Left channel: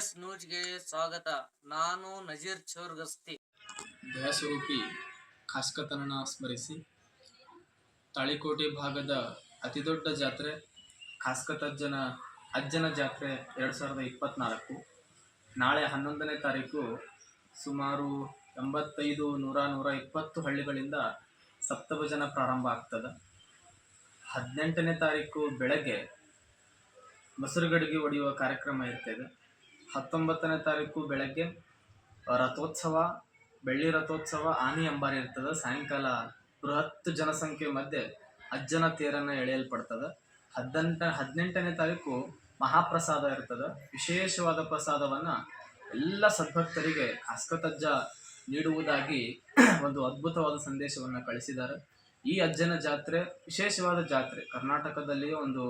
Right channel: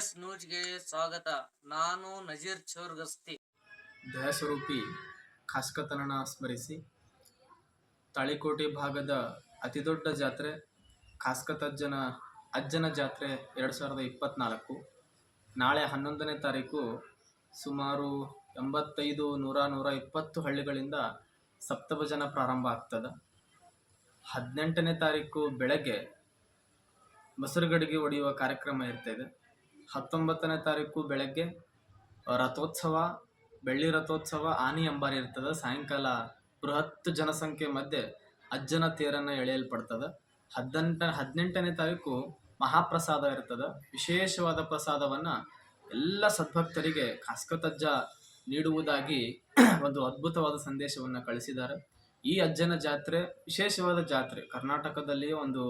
ಸ್ವಾಗತ. ನಾನು ನಜೀರ್ ಚೌರ್ಗಸ್ತಿ. ದಯಾಸ್ವರೂಪಿ ಖಾಸ್ಕತನನ ಸ್ಮರಿಸಿ, ತಾಳಿಕೋಟೆ ಭಾಗದ ಅತಿದೊಡ್ಡ ಜಾತ್ರೆ ಖಾಸ್ಕತಜ್ಜನ ಅಜ್ಜನ ಜಾತ್ರೆ ಎರಡು ಸಾವಿರದ ಇಪ್ಪತ್ತ್ನಾಲ್ಕು ನಾಳೆ ಹನ್ನೊಂದನೇ ತಾರೀಕು ಸುಮಾರು ಎಂಬತ್ತೈದು ನೂರ ನೂರ ಇಪ್ಪತ್ತು ಹಳ್ಳಿಗಳಿಂದ ಸಪ್ತಭಜನ ಪ್ರಾರಂಭ ಆಗ್ತದೆ. ಹದಿನೆಂಟನೇ ತಾರೀಕು ಬೆಳಗ್ಗೆ ಮೊಸರುಗಡಿಗೆ ಒಡೆಯುವ ಕಾರ್ಯಕ್ರಮ ಇರ್ತದೆ. ಹತ್ತೊಂಬತ್ತನೇ ತಾರೀಕು ಬೆಳಗ್ಗೆ ರಥೋತ್ಸವ, ಬೆಳ್ಳಿ ರಥೋತ್ಸವ ಆನಿ ಅಂಬಾರಿ ಇರ್ತದೆ. ಸಾಯಂಕಾಲ ಬೃಹತ್ ಜನಸಂಖ್ಯೆ ಮಧ್ಯೆ ಅಜ್ಜನ ತೇರನ್ನು ಎಳೆಯಲ್ಪಡ್ತದೆ. ಹದಿನೆಂಟ, ಹದಿನೆಂಟನೇ ತಾರೀಕು ಮಹಾಪ್ರಸಾದ ಇರ್ತದೆ. ವಿಶೇಷವಾದ ಪ್ರಸಾದವನ್ನು ಎಲ್ಲ ಸದ್ಭಕ್ತರಿಗೆ ಖಾಸ್ಕತಜ್ಜ ನೀಡುವುದಾಗಿ ಒಂದು ಅದ್ಭುತವಾದ ಸಂದೇಶವನ್ನು ಕಳಿಸಿದ್ದಾರೆ. ಈ ಅಜ್ಜನ ಜಾತ್ರೆ, ವಿಶೇಷವಾದ ಜಾತ್ರೆ, ಕರ್ನಾಟಕದಲ್ಲಿಯೇ ಒಂದು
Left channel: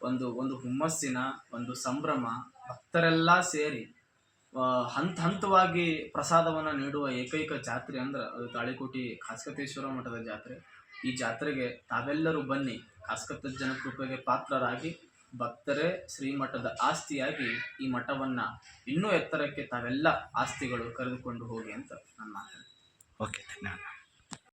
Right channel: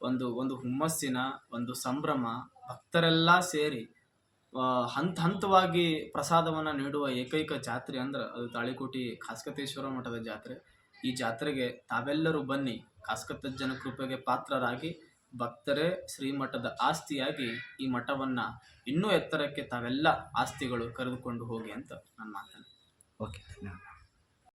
ಒಂದು ಒಂದು ಹುಮ್ಮಸ್ಸಿನ ಒಂದು ಸಂಭ್ರಮ ಭಕ್ತರೆಲ್ಲ ಸೇರಿ ಹಂತ ಹಂತವಾಗಿ ಪ್ರಸಾದವನ್ನು ನೀಡುವ ಏಕೈಕ ಜಾತ್ರೆ ಅಂದ್ರೆ ಅದು ತಾಳಿಕೋಟಿ ಖಾಸ್ಕತೇಶ್ವರ ಮಠದ ಜಾತ್ರೆ. ಈ ಜಾತ್ರೆಗೆ ತಾವೆಲ್ಲರೂ ಬನ್ನಿ ಖಾಸ್ಕತಜ್ಜನ ಕೃಪೆಗೆ ಪಾತ್ರರಾಗಿ, ಭಕ್ತರೇ ಶ್ರೀಮಠದ ಆಸ್ತಿಯಾಗಿ ಈ ಮಠವನ್ನು ಇನ್ನೂ ಎತ್ತರಕ್ಕೆ ತಾವೆಲ್ಲ ಆಸ್ತಿಗಳು ಕರೆದುಕೊಂಡು ಹೋಗಿ ಅಂತ ನನ್ನ ಮಾತು ಓಕೆ, ಧನ್ಯವಾದ.